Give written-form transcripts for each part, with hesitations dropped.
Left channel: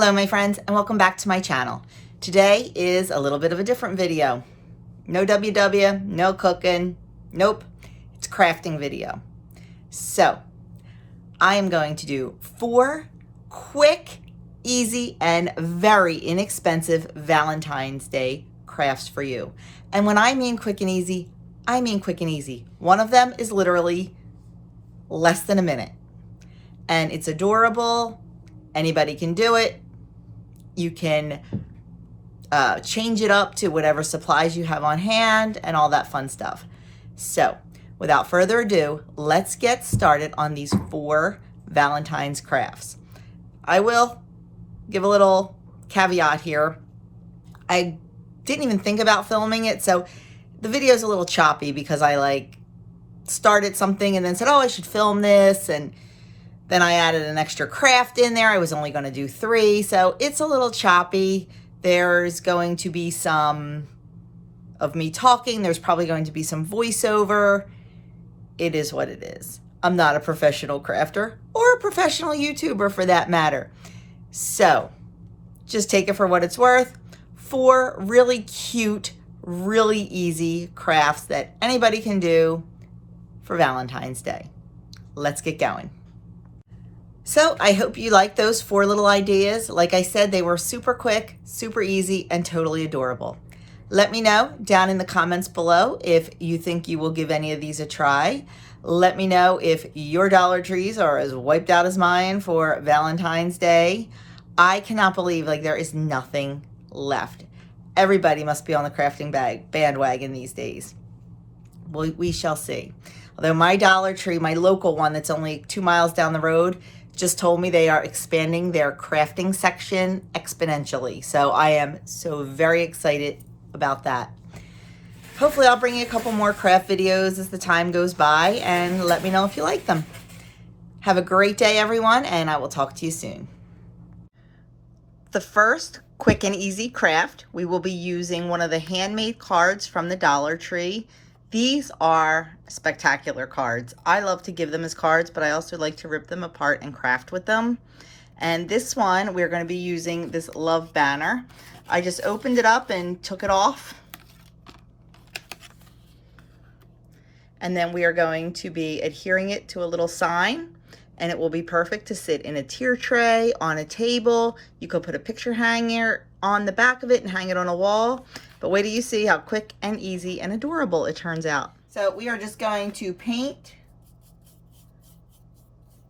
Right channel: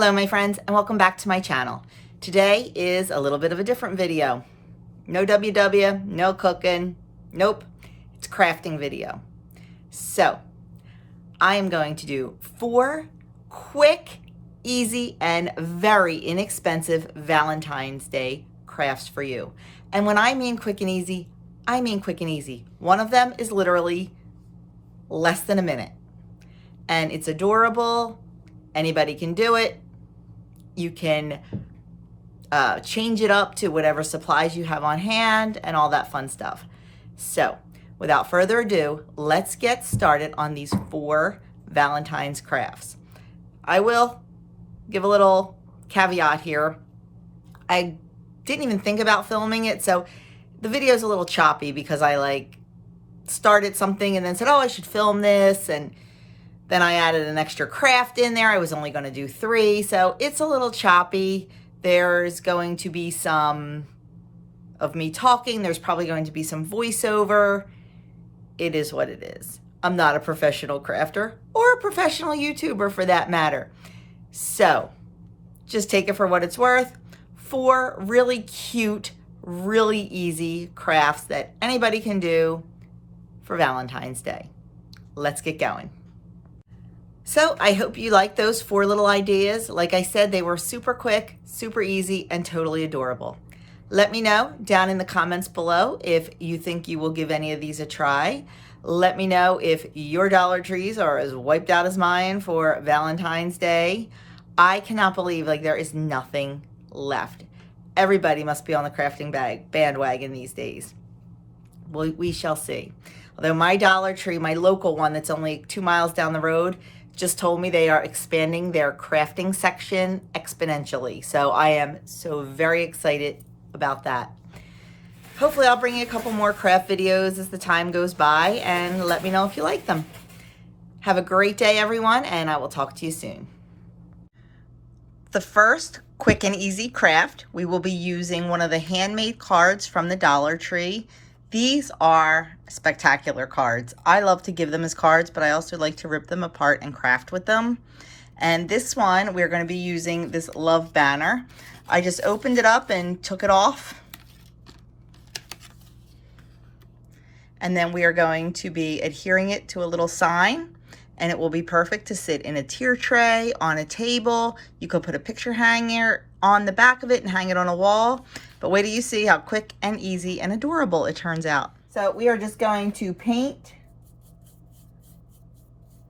Hello my friends, and welcome back to my channel. Today is a little bit of a different video. No WW, no cooking, nope, it's crafting video. So I am going to do 4 quick, easy, and very inexpensive Valentine's Day crafts for you. And when I mean quick and easy, I mean quick and easy. One of them is literally less than a minute. And it's adorable. Anybody can do it. You can change it up to whatever supplies you have on hand and all that fun stuff. So without further ado, let's get started on these 4 Valentine's crafts. I will give a little caveat here. I didn't even think about filming it, so the video is a little choppy because I started something and then said, oh, I should film this, and then I added an extra craft in there. I was only going to do 3, so it's a little choppy. There's going to be some of me talking. There's probably going to be some voiceover. It is what it is. I'm not a professional crafter or a professional YouTuber for that matter. So just take it for what it's worth. 4 really cute, really easy crafts that anybody can do for Valentine's Day. Let's get going. So I hope you like those 4 little ideas. Like I said, they were super quick, super easy, and totally adorable. Let me know down in the comments below if you think you will give any of these a try. Let me know if your Dollar Trees are as wiped out as mine for Valentine's Day. I cannot believe there is nothing left. Everybody must be on the crafting bandwagon these days. Well, we shall see. Although my Dollar Tree, my local one that's only 2 miles down the road, just told me they are expanding their crafting section exponentially. So I am so very excited about that. Hopefully I'll bring you a couple more craft videos as the time goes by, and let me know if you like them. Have a great day, everyone, and I will talk to you soon. The first quick and easy craft, we will be using one of the handmade cards from the Dollar Tree. These are spectacular cards. I love to give them as cards, but I also like to rip them apart and craft with them. And this one, we're going to be using this love banner. I just opened it up and took it off. And then we are going to be adhering it to a little sign, and it will be perfect to sit in a tier tray, on a table. You could put a picture hanger on the back of it and hang it on a wall. But wait till you see how quick and easy and adorable it turns out. So we are just going to paint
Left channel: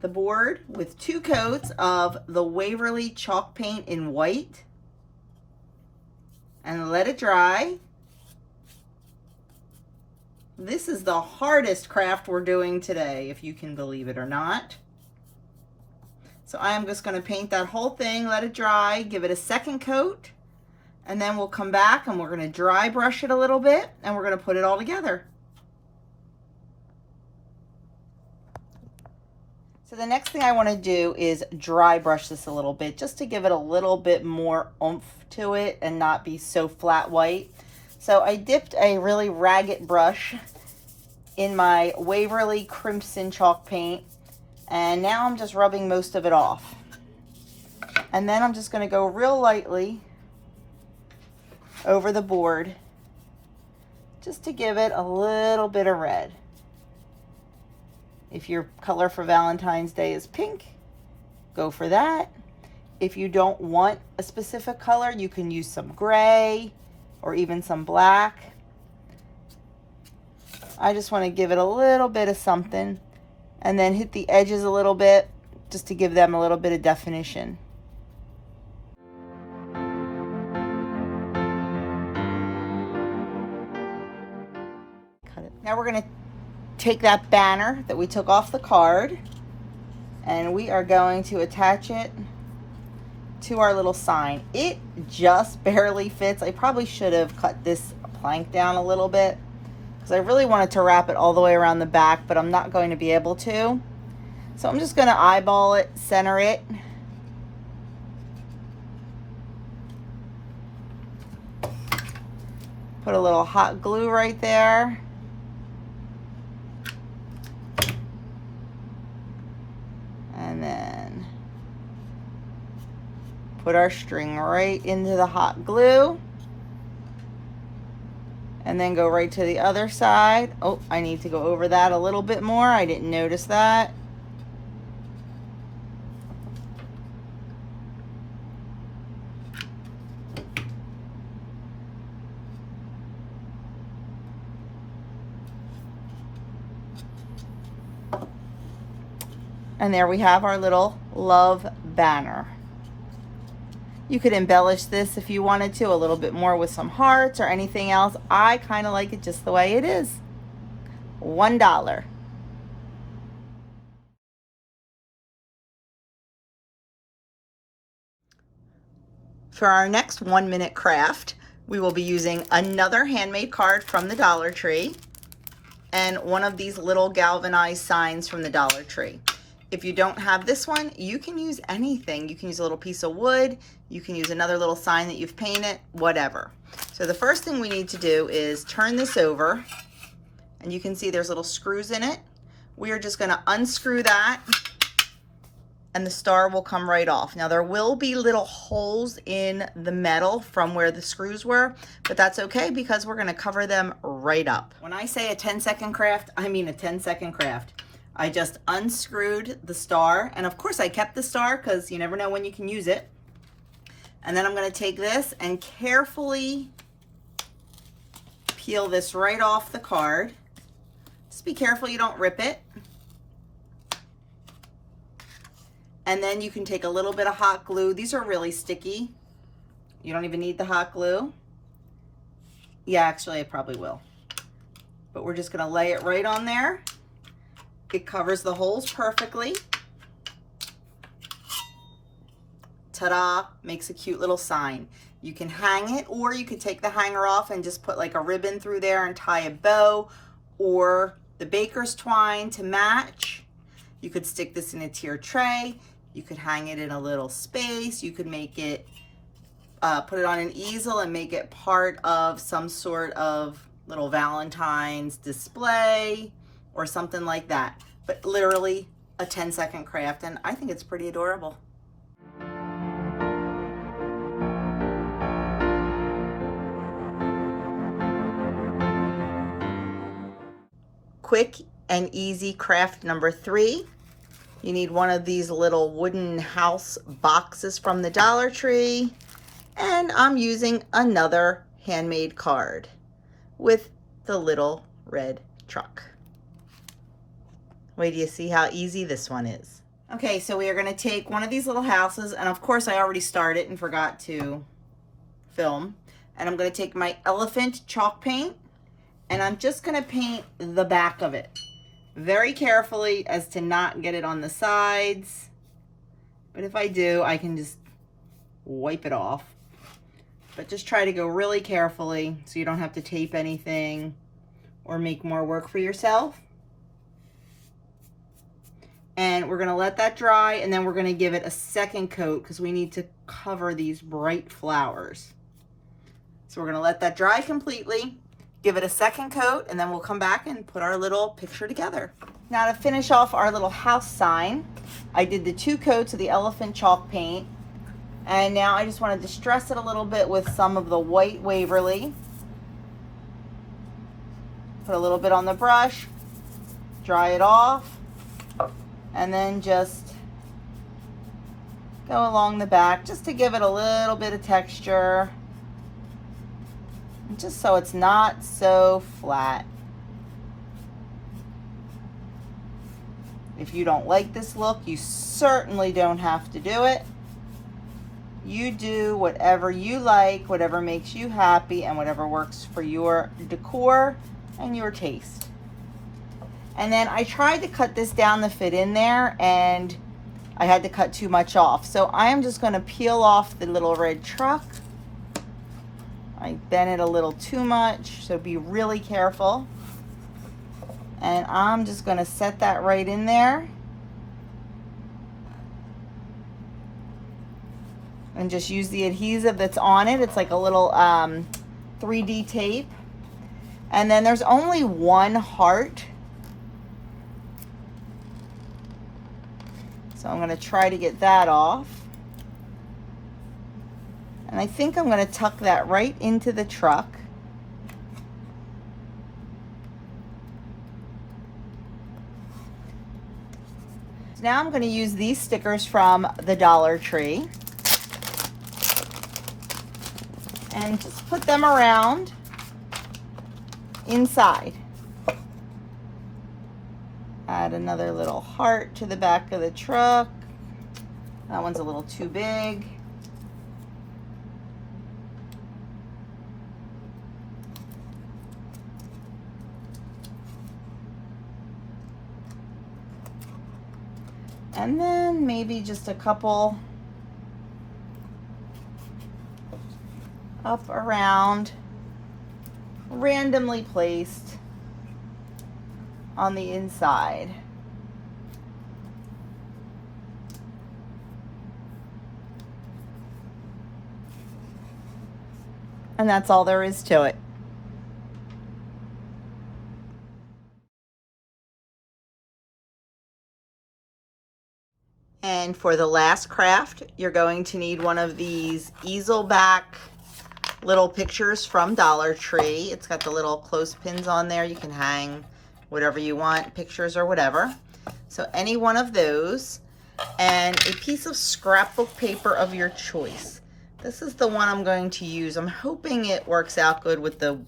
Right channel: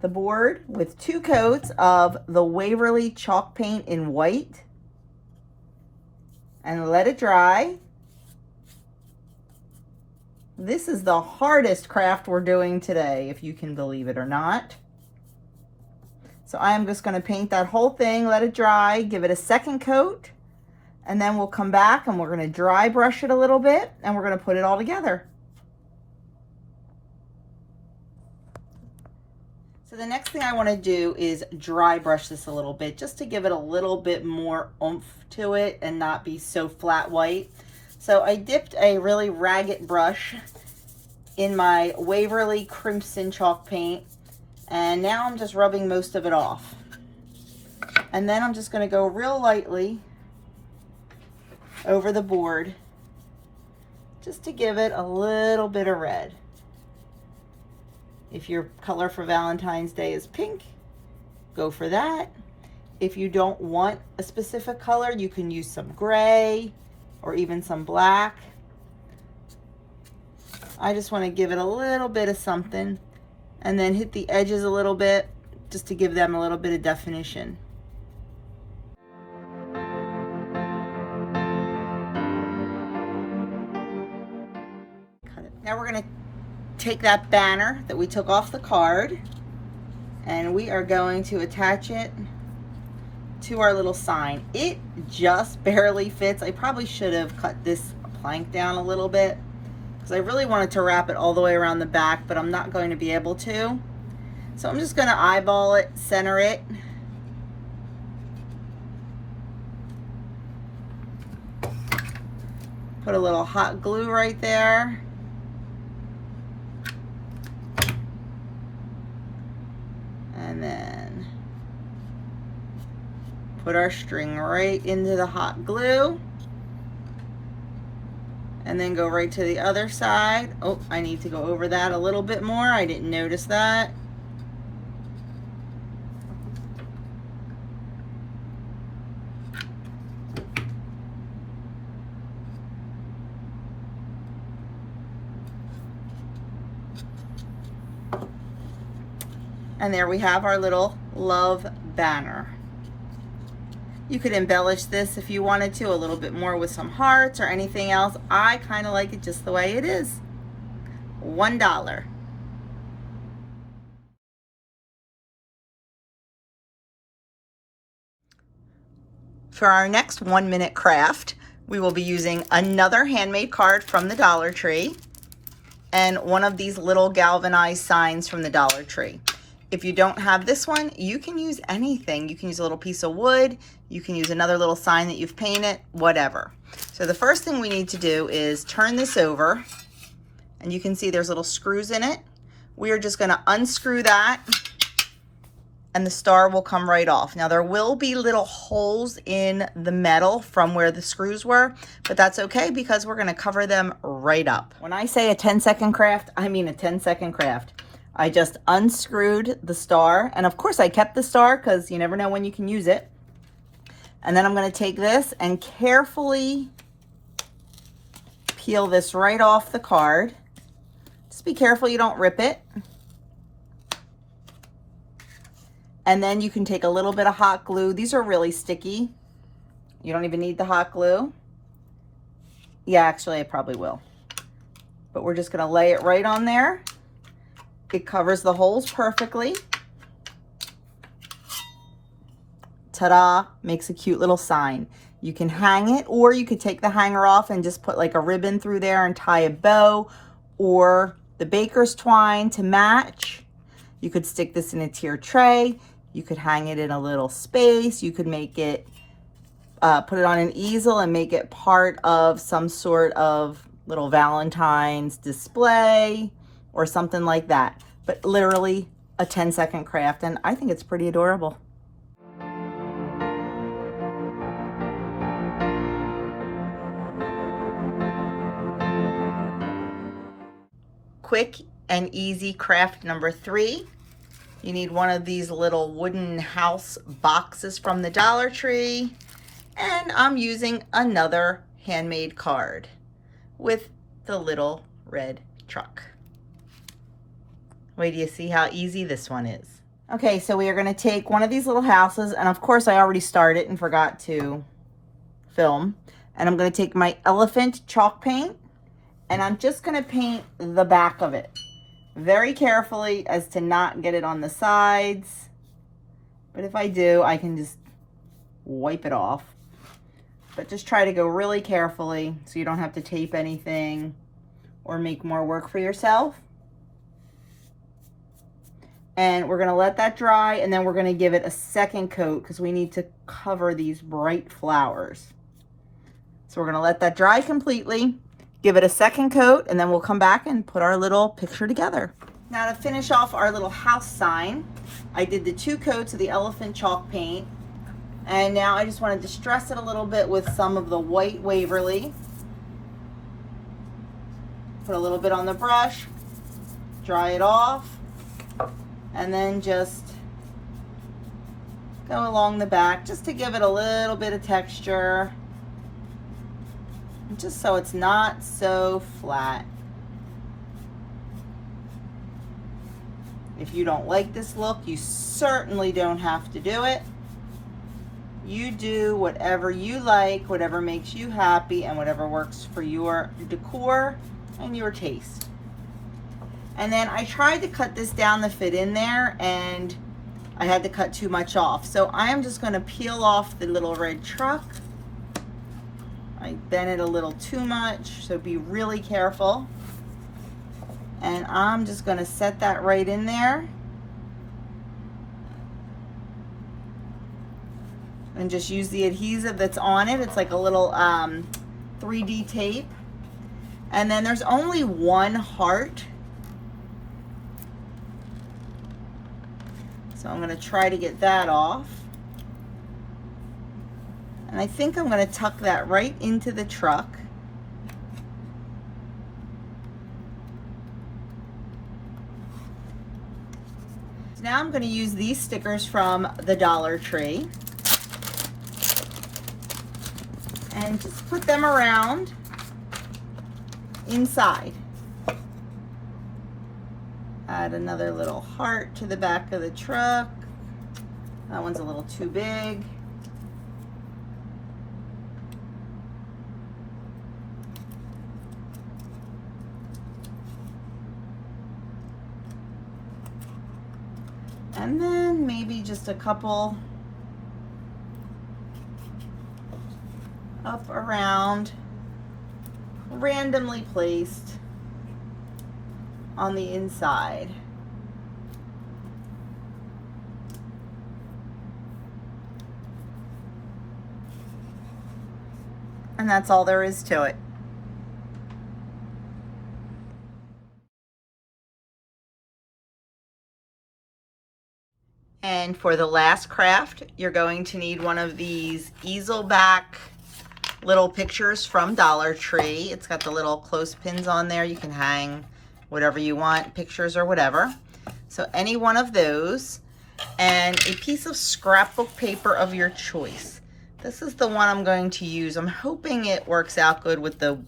the board with 2 coats of the Waverly chalk paint in white and let it dry. This is the hardest craft we're doing today, if you can believe it or not. So I'm just going to paint that whole thing, let it dry, give it a second coat. And then we'll come back and we're going to dry brush it a little bit, and we're going to put it all together. So the next thing I want to do is dry brush this a little bit, just to give it a little bit more oomph to it and not be so flat white. So I dipped a really ragged brush in my Waverly Crimson chalk paint, and now I'm just rubbing most of it off. And then I'm just going to go real lightly over the board just to give it a little bit of red. If your color for Valentine's Day is pink, go for that. If you don't want a specific color, you can use some gray or even some black. I just want to give it a little bit of something, and then hit the edges a little bit just to give them a little bit of definition. Now we're going to take that banner that we took off the card, and we are going to attach it to our little sign. It just barely fits. I probably should have cut this plank down a little bit because I really wanted to wrap it all the way around the back, but I'm not going to be able to. So I'm just going to eyeball it, center it. Put a little hot glue right there. And then Put our string right into the hot glue. And then go right to the other side. Oh, I need to go over that a little bit more. I didn't notice that. And there we have our little love banner. You could embellish this if you wanted to a little bit more with some hearts or anything else. I kind of like it just the way it is. $1. For our next 1-minute craft, we will be using another handmade card from the Dollar Tree and one of these little galvanized signs from the Dollar Tree. If you don't have this one, you can use anything. You can use a little piece of wood. You can use another little sign that you've painted, whatever. So the first thing we need to do is turn this over, and you can see there's little screws in it. We are just gonna unscrew that, and the star will come right off. Now there will be little holes in the metal from where the screws were, but that's okay because we're gonna cover them right up. When I say a 10-second craft, I mean a 10-second craft. I just unscrewed the star, and of course I kept the star because you never know when you can use it. And then I'm going to take this and carefully peel this right off the card. Just be careful you don't rip it. And then you can take a little bit of hot glue. These are really sticky. You don't even need the hot glue. Yeah, actually I probably will. But we're just going to lay it right on there. It covers the holes perfectly. Ta-da, makes a cute little sign. You can hang it, or you could take the hanger off and just put like a ribbon through there and tie a bow, or the baker's twine to match. You could stick this in a tier tray. You could hang it in a little space. You could make it, put it on an easel and make it part of some sort of little Valentine's display or something like that. But literally a 10-second craft, and I think it's pretty adorable. Quick and easy craft number 3. You need one of these little wooden house boxes from the Dollar Tree, and I'm using another handmade card with the little red truck. Wait till you see how easy this one is. Okay, so we are going to take one of these little houses, and of course I already started and forgot to film. And I'm going to take my elephant chalk paint, and I'm just going to paint the back of it very carefully as to not get it on the sides. But if I do, I can just wipe it off. But just try to go really carefully so you don't have to tape anything or make more work for yourself. And we're going to let that dry, and then we're going to give it a second coat because we need to cover these bright flowers. So we're going to let that dry completely, give it a second coat, and then we'll come back and put our little picture together. Now to finish off our little house sign, I did the 2 coats of the elephant chalk paint, and now I just want to distress it a little bit with some of the white Waverly. Put a little bit on the brush, dry it off, and then just go along the back just to give it a little bit of texture, just so it's not so flat. If you don't like this look, you certainly don't have to do it. You do whatever you like, whatever makes you happy, and whatever works for your decor and your taste. And then I tried to cut this down to fit in there, and I had to cut too much off. So I am just going to peel off the little red truck. I bent it a little too much, so be really careful. And I'm just going to set that right in there. And just use the adhesive that's on it. It's like a little 3D tape. And then there's only one heart. So I'm going to try to get that off. And I think I'm going to tuck that right into the truck. So now I'm going to use these stickers from the Dollar Tree and just put them around inside. Add another little heart to the back of the truck. That one's a little too big. And then maybe just a couple up around, randomly placed on the inside. And that's all there is to it. And for the last craft, you're going to need one of these easel back little pictures from Dollar Tree. It's got the little clothespins on there. You can hang whatever you want, pictures or whatever. So any one of those, and a piece of scrapbook paper of your choice. This is the one I'm going to use. I'm hoping it works out good with the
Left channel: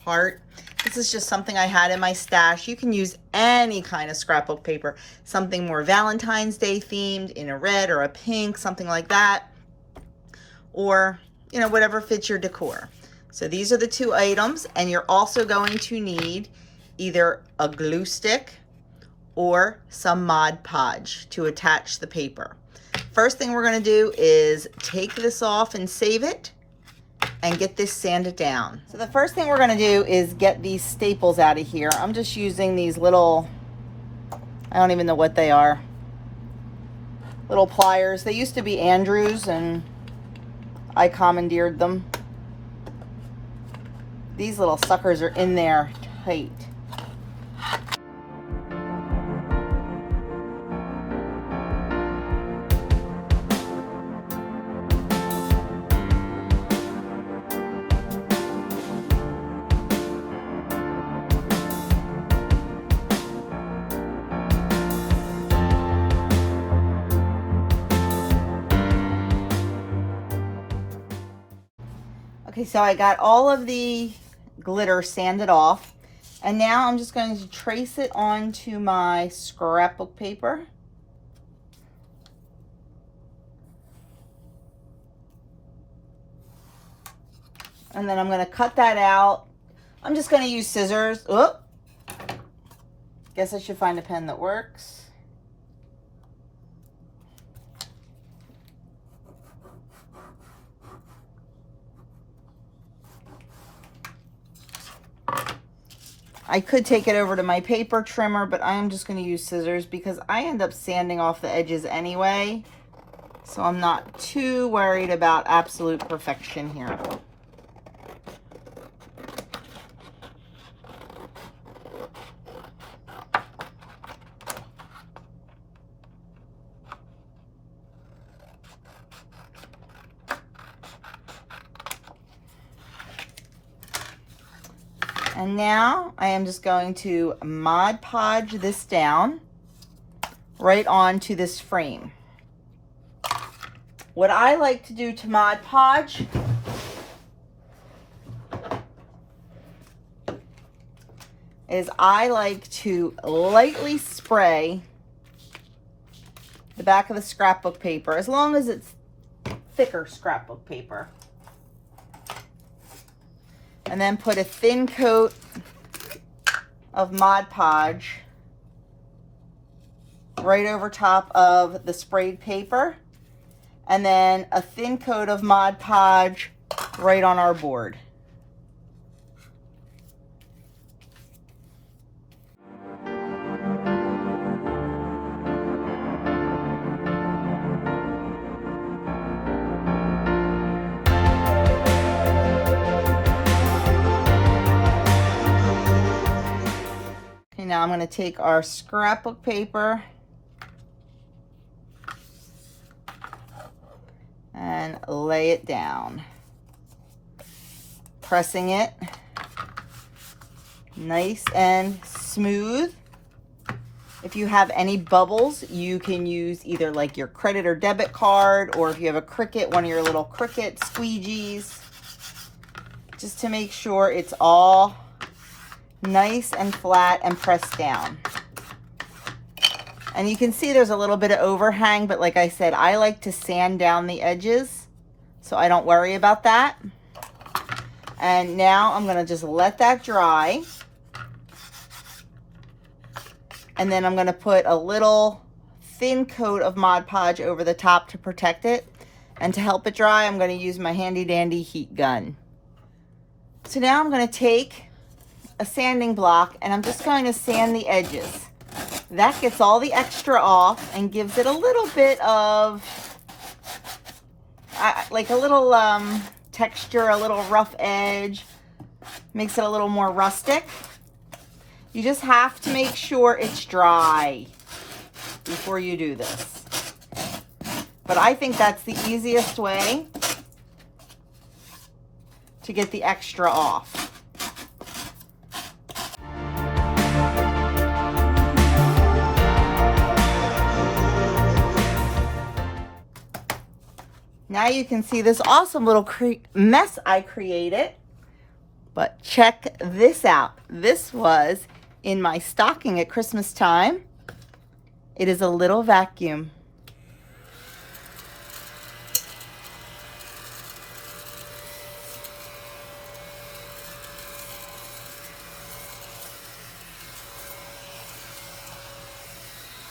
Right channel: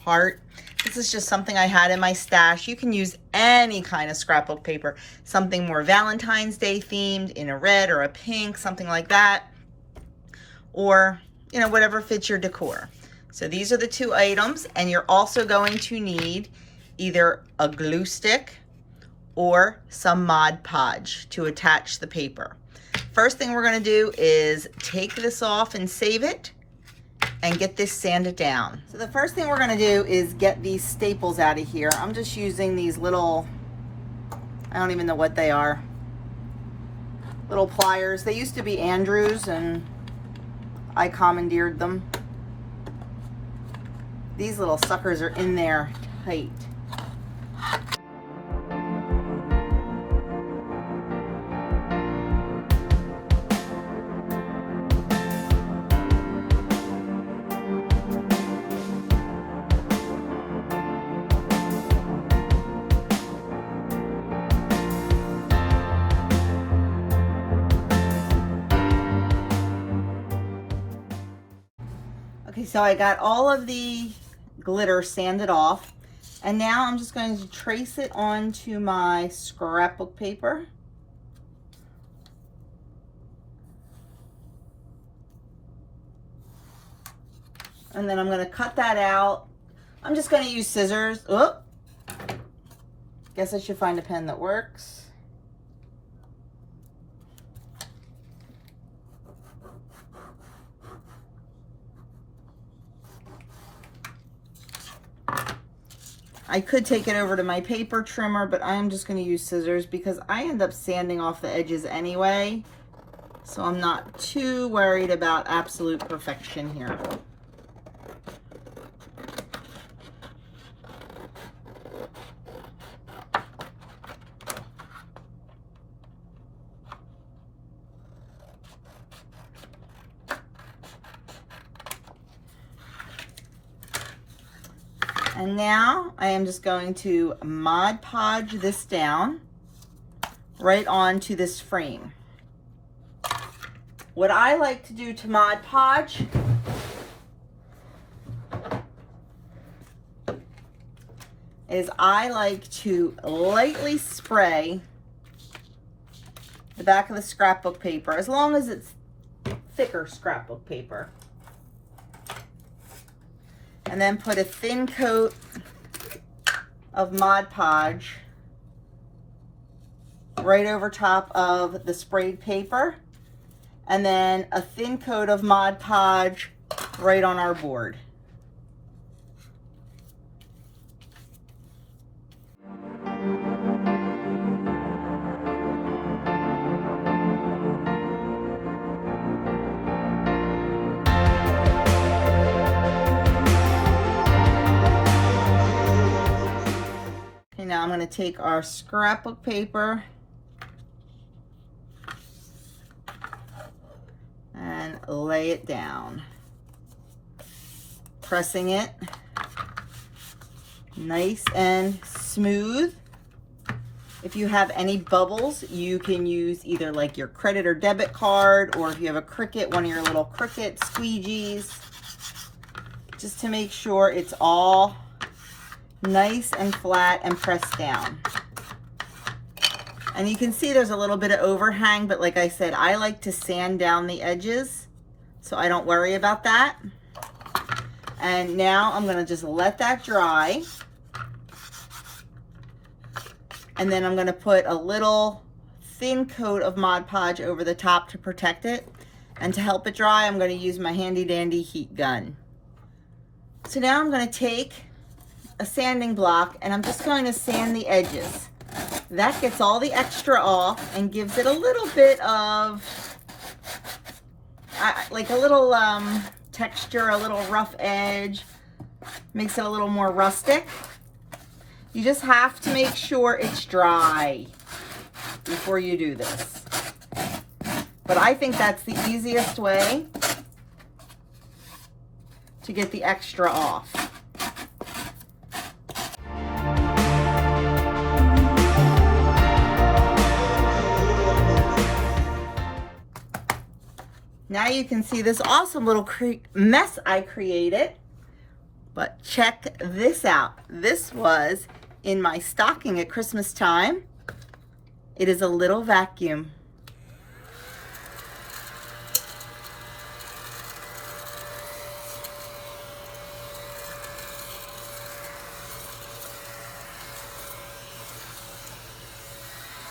heart. This is just something I had in my stash. You can use any kind of scrapbook paper, something more Valentine's Day themed in a red or a pink, something like that, or you know, whatever fits your decor. So these are the two items, and you're also going to need either a glue stick or some Mod Podge to attach the paper. First thing we're going to do is take this off and save it and get this sanded down. So the first thing we're going to do is get these staples out of here. I'm just using these little, I don't even know what they are, little pliers. They used to be Andrews and I commandeered them. These little suckers are in there tight. Okay, so I got all of the glitter sanded off, and now I'm just going to trace it onto my scrapbook paper. And then I'm going to cut that out. I'm just going to use scissors. Oh, guess I should find a pen that works. I could take it over to my paper trimmer, but I am just going to use scissors because I end up sanding off the edges anyway. So I'm not too worried about absolute perfection here. And now I am just going to Mod Podge this down right onto this frame. What I like to do to Mod Podge is I like to lightly spray the back of the scrapbook paper, as long as it's thicker scrapbook paper. And then put a thin coat of Mod Podge right over top of the sprayed paper. And then a thin coat of Mod Podge right on our board. Now I'm going to take our scrapbook paper and lay it down. pressing it nice and smooth. If you have any bubbles, you can use either like your credit or debit card, or if you have a Cricut, one of your little Cricut squeegees, just to make sure it's all nice and flat and pressed down. And you can see there's a little bit of overhang, but like I said, I like to sand down the edges, so I don't worry about that. And now I'm gonna just let that dry. And then I'm gonna put a little thin coat of Mod Podge over the top to protect it. And to help it dry, I'm gonna use my handy dandy heat gun. So now I'm gonna take a sanding block and I'm just going to sand the edges. That gets all the extra off and gives it a little bit of, like a little texture, a little rough edge, makes it a little more rustic. You just have to make sure it's dry before you do this. But I think that's the easiest way to get the extra off. Now you can see this awesome little mess I created, but check this out. This was in my stocking at Christmas time. It is a little vacuum.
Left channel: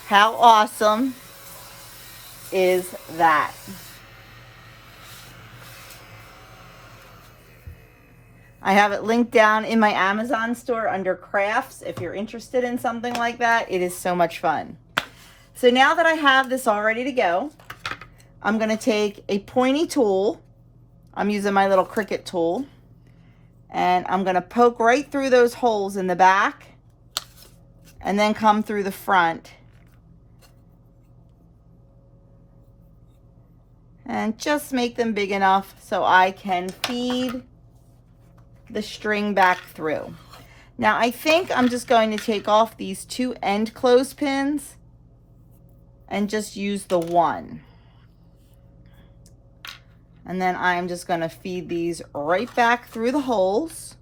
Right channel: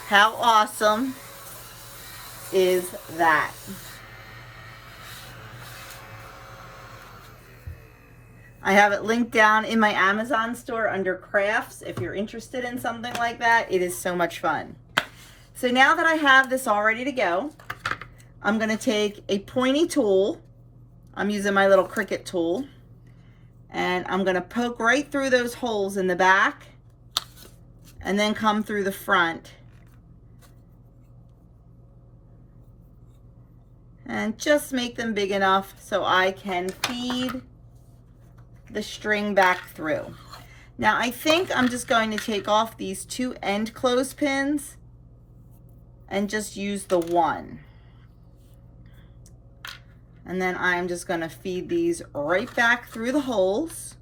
How awesome is that? I have it linked down in my Amazon store under crafts if you're interested in something like that. It is so much fun. So now that I have this all ready to go, I'm gonna take a pointy tool. I'm using my little Cricut tool. And I'm gonna poke right through those holes in the back and then come through the front. And just make them big enough so I can feed the string back through. Now I think I'm just going to take off these two end clothespins and just use the one. And then I'm just going to feed these right back through the holes.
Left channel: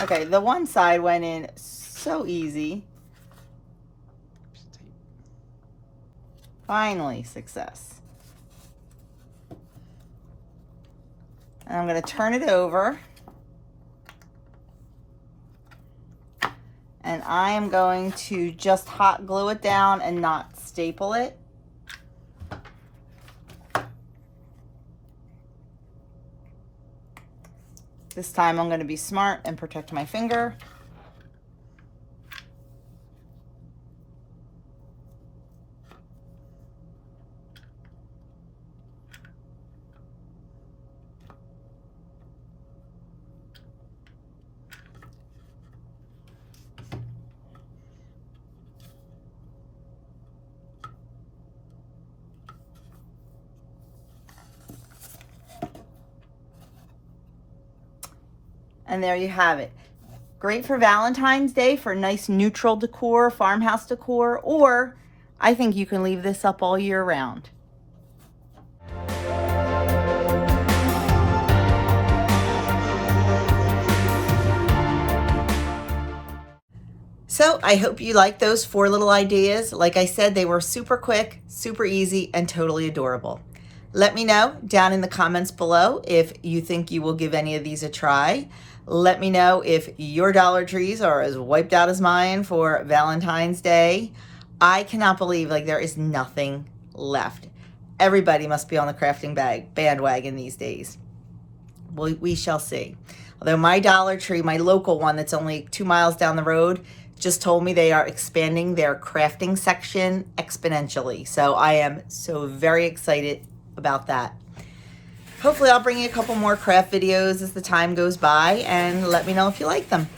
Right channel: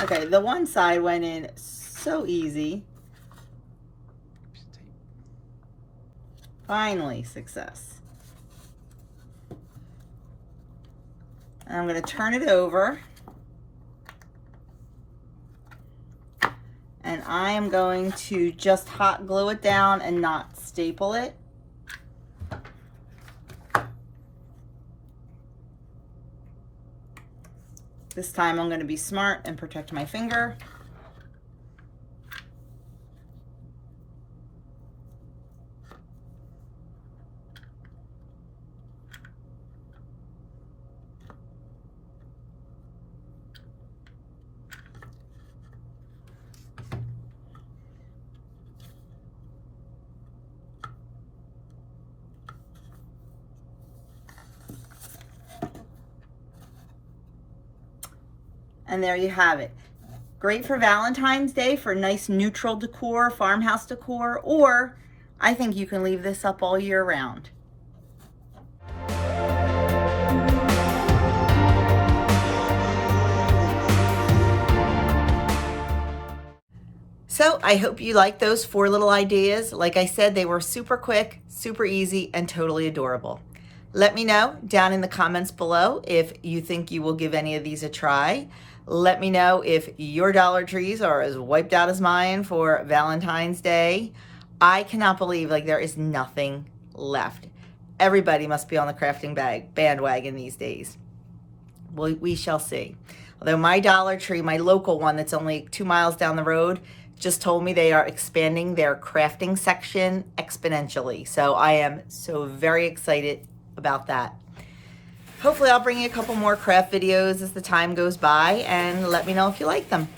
Okay, the one side went in so easy. Finally, success. And I'm going to turn it over. And I am going to just hot glue it down and not staple it. This time I'm going to be smart and protect my finger. And there you have it. Great for Valentine's Day for nice neutral decor, farmhouse decor, or I think you can leave this up all year round. So I hope you like those 4 little ideas. Like I said, they were super quick, super easy, and totally adorable. Let me know down in the comments below if you think you will give any of these a try. Let me know if your Dollar Trees are as wiped out as mine for Valentine's Day. I cannot believe there is nothing left. Everybody must be on the crafting bandwagon these days. Well, we shall see. Although my Dollar Tree, my local one that's only 2 miles down the road, just told me they are expanding their crafting section exponentially. So I am so very excited about that. Hopefully I'll bring you a couple more craft videos as the time goes by, and let me know if you like them.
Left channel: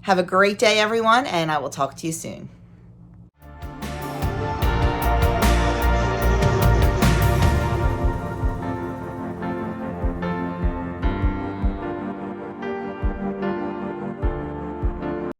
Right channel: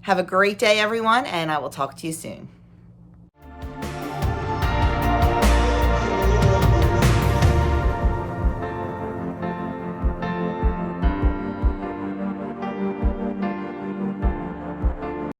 Have a great day, everyone, and I will talk to you soon.